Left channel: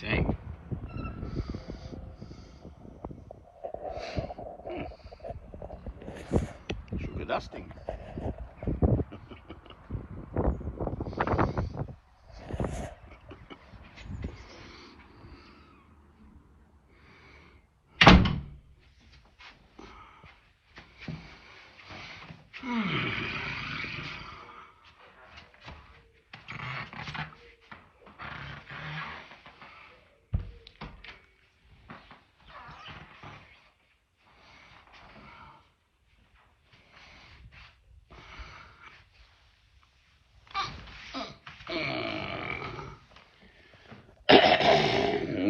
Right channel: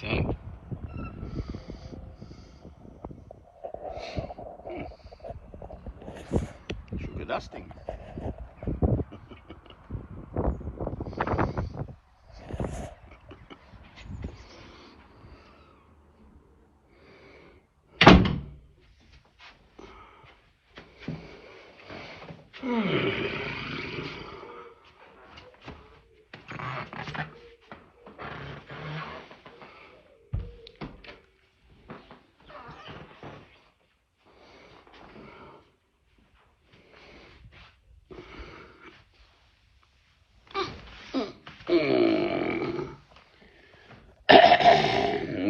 think. Sugar dusting.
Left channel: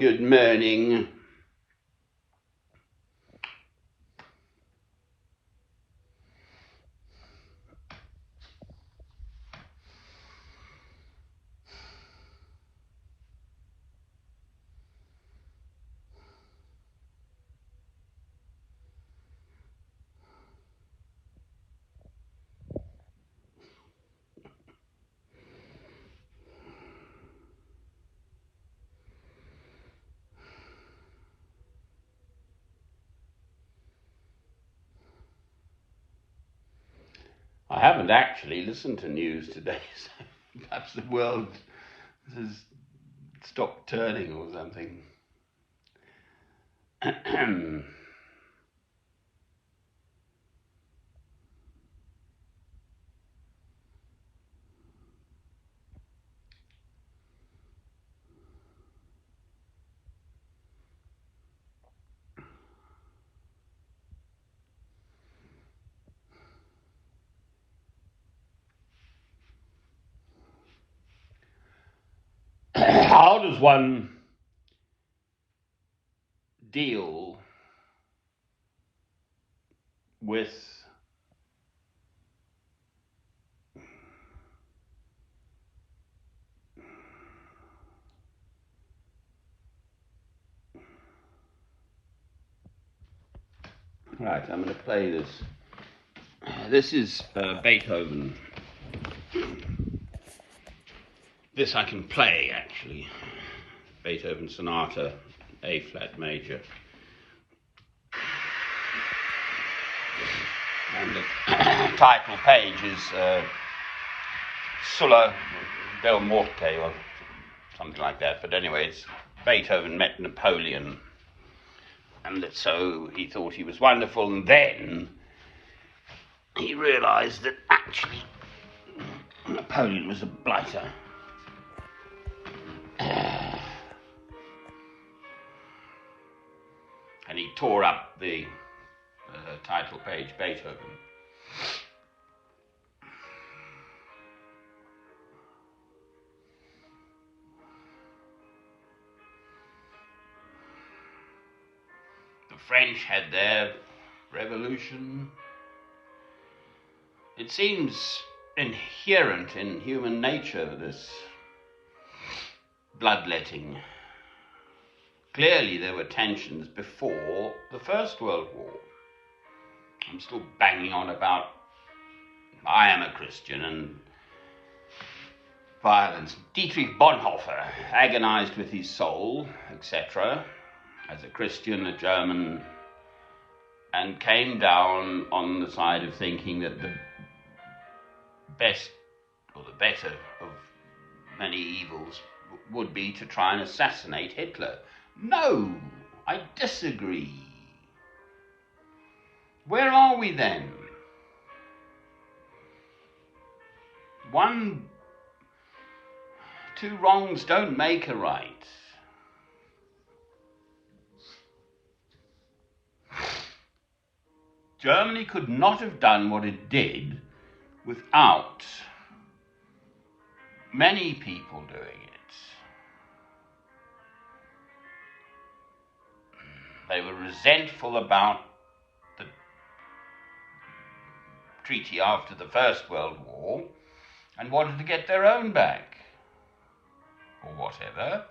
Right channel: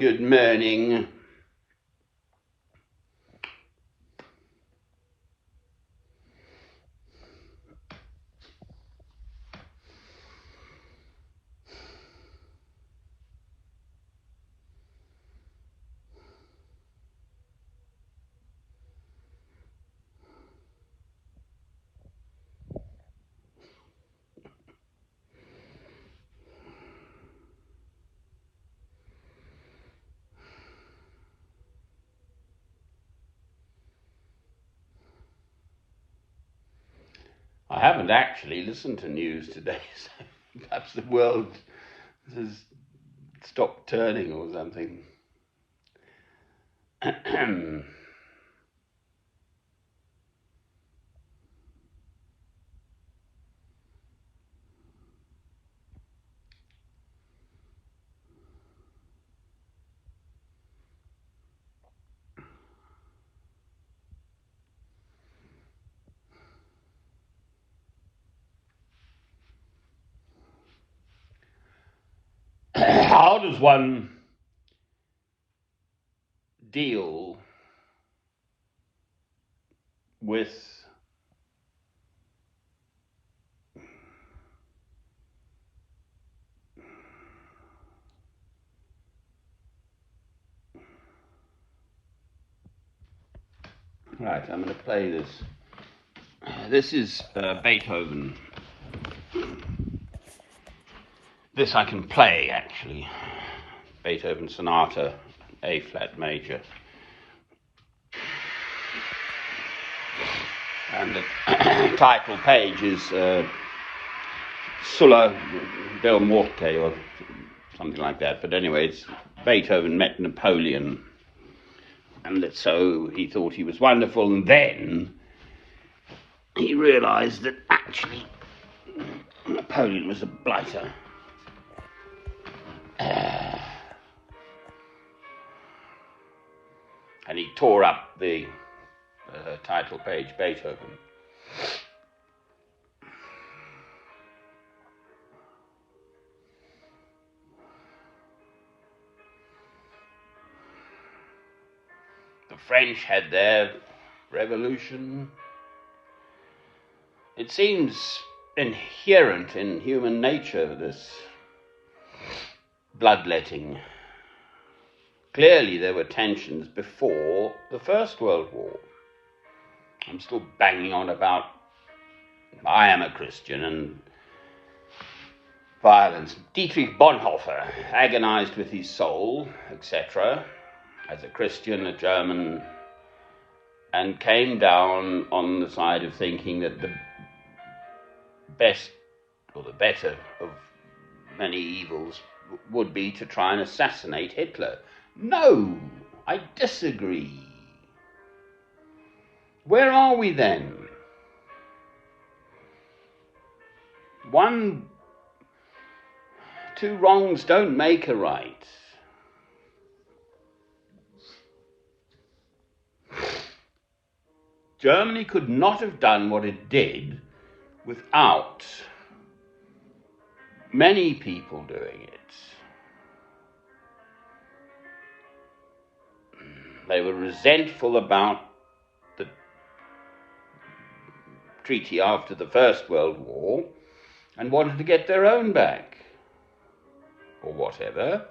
Good morning. I haven't actually listened to news today. Perhaps the world has stopped turning or something. How does one deal with Right, I'm going to play this. This is Beethoven. This I can play, actually. Beethoven Sonata, A flat major. And the title page is Sulla del Morte, or something like that. But anyway, it's Beethoven met Napoleon. And so he thought he was wonderful, and then he realised that actually Napoleon was a blighter. And he tore up the title page, Beethoven. The French had their revolution. It seems inherent in human nature, this bloodletting. Clearly there were tensions before the First World War. I'm still banging on about I am a Christian and violence. Dietrich Bonhoeffer agonized with his soul, etc., as a Christian, a German, and came down on the side of thinking that the best or the better of many evils would be to try and assassinate Hitler. No, I disagree. Where are we then? Two wrongs don't make a right. Germany could not have done what it did without many people doing it. They were resentful about the treaty after the First World War and wanted to get their own back, or whatever.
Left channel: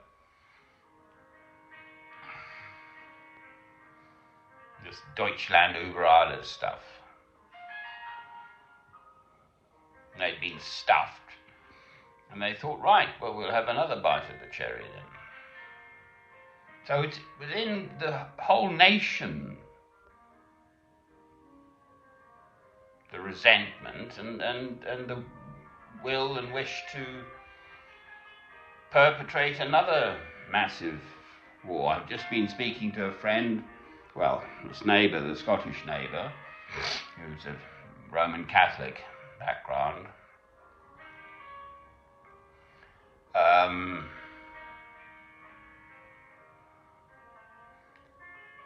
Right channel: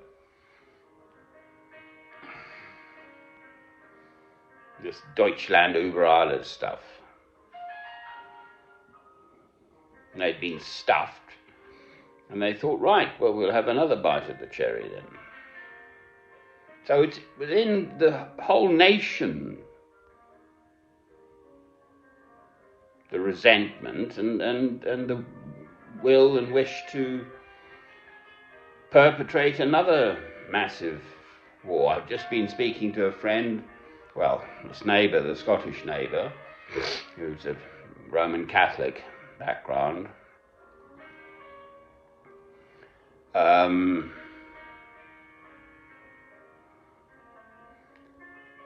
This Deutschland über alles stuff. And they'd been stuffed, and they thought, right, well, we'll have another bite of the cherry then. So it's within the whole nation, the resentment and the will and wish to perpetrate another massive war. I've just been speaking to a friend, well, this neighbour, the Scottish neighbour, who's a Roman Catholic background.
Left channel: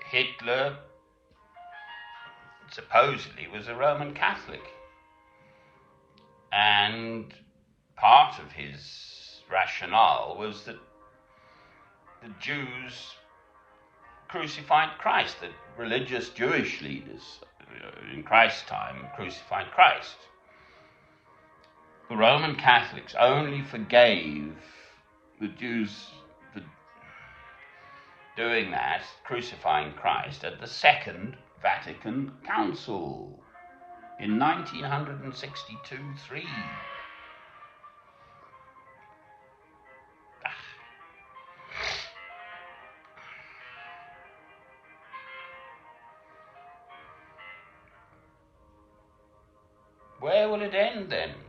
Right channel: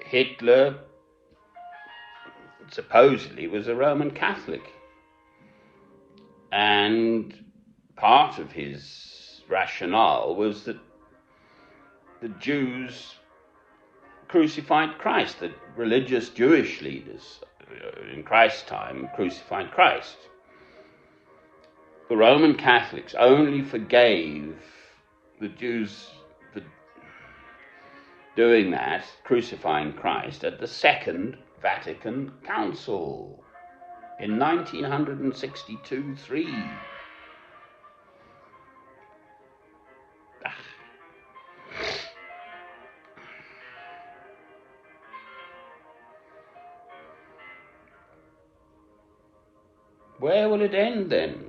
Hitler supposedly was a Roman Catholic, and part of his rationale was that the Jews crucified Christ, the religious Jewish leaders in Christ's time crucified Christ. The Roman Catholics only forgave the Jews for doing that, crucifying Christ, at the Second Vatican Council in 1962-3. Where will it end then?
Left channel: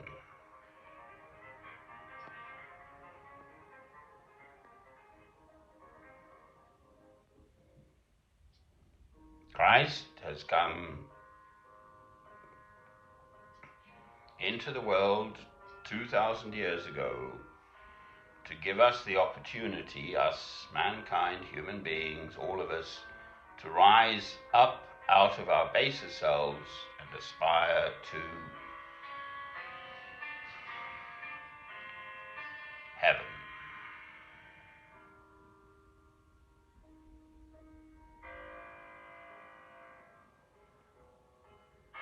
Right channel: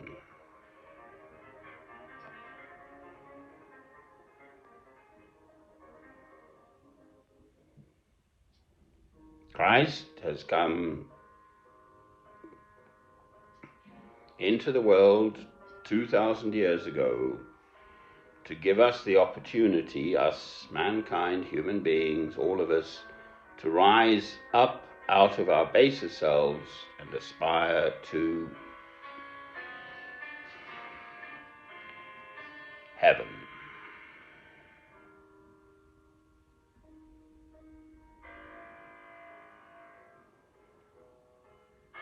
Christ has come into the world 2,000 years ago to give us the opportunity, us, mankind, human beings, all of us, to rise up out of our baser selves and aspire to heaven.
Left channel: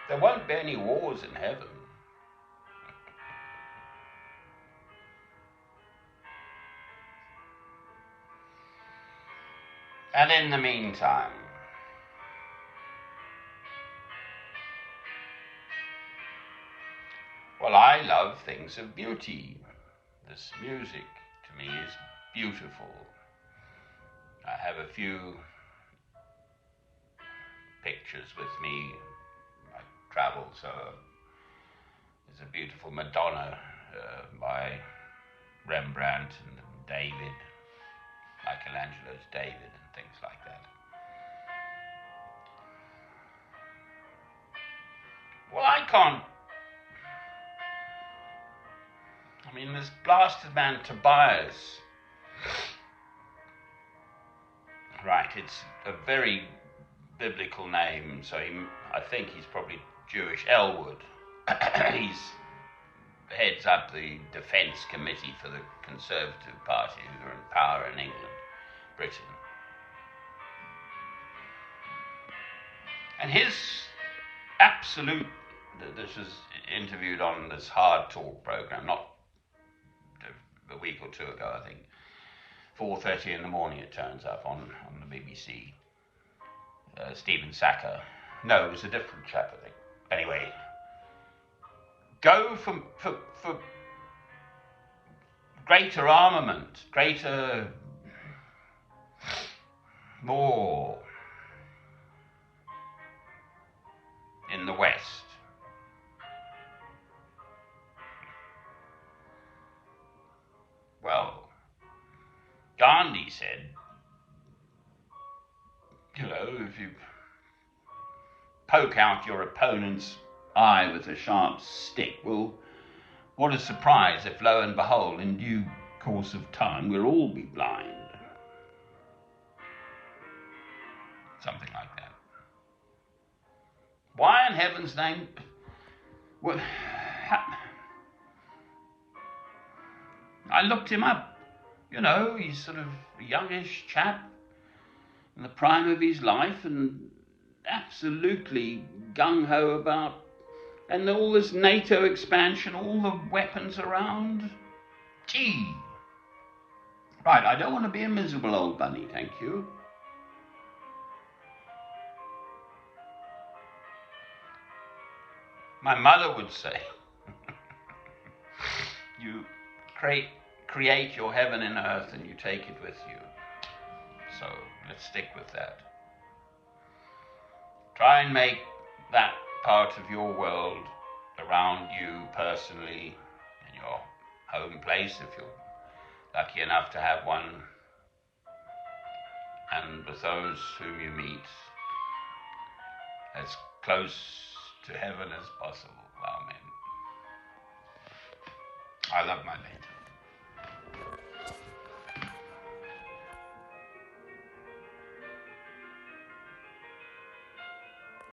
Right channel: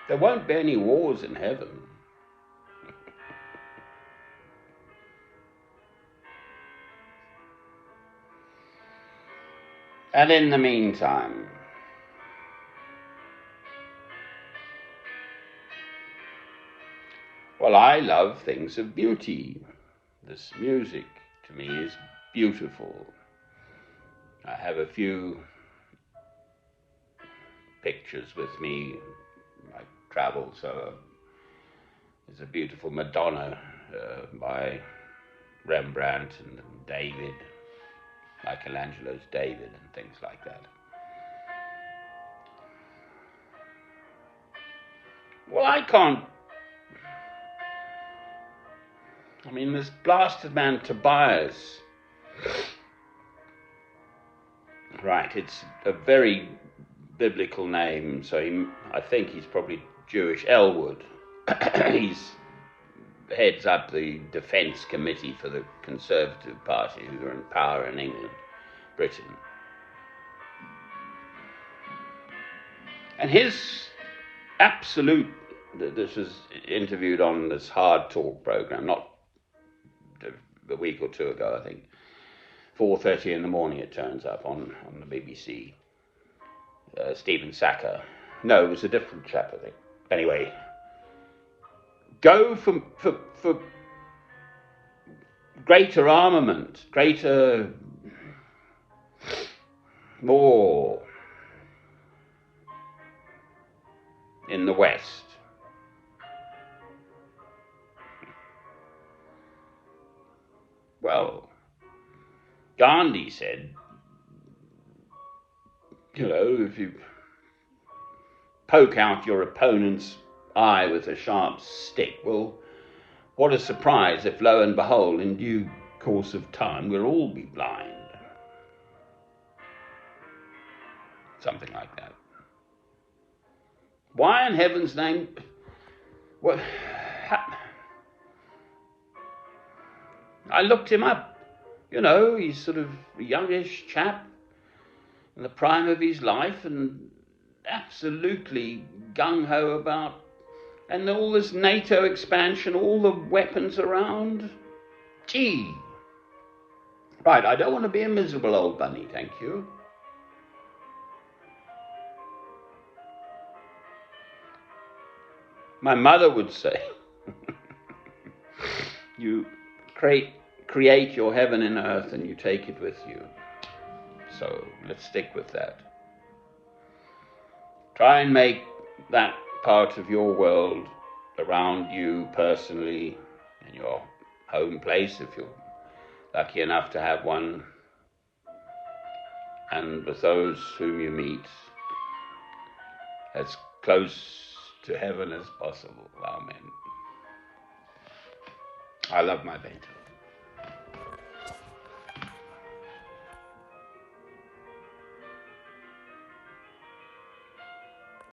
There won't be any wars in heaven. And in the meantime, well, I love things of beauty. This music, to me, is beautiful. I have a few pictures with me. I travel, so there's a beautiful Madonna by Rembrandt and David, Michelangelo's David and things like that. Well, I can't. I mean, this blasted man Tobias, right, it's a very biblical name, so I think he's probably Jewish. Elwood. He's heads up the defence committee for the Conservative Party, who are in power in England, Britain. And his absolute, this was interviewed on this Hard Talk programme, not a week or two ago, I think, 4:30 in the morning it turns up on the BBC. Stephen Sackur. No, it was a different chap, I think. Anyway, go for greater armament, greater, more in the West. Well, Gandhi said, you know, if you poke out your opponent's eye with a sharp stick, well, what a surprise if, lo and behold, in due course of time, we'll all be blind. Something like that. Why in heaven's name? What? I looked him up. You know, he's sort of a youngish chap in the prime of his life and absolutely gung-ho about, and all this NATO expansion, all the weapons around. Gee. Right, I don't want to be a miserable old bunny, thank you. My mother would say, you create your heaven in earth and you take it with you. So let's stick with that. Try and make that part of your world around you personally, in your home place, if you're lucky enough to have one, and with those whom you meet, as close to heaven as possible. Amen. I love my bed.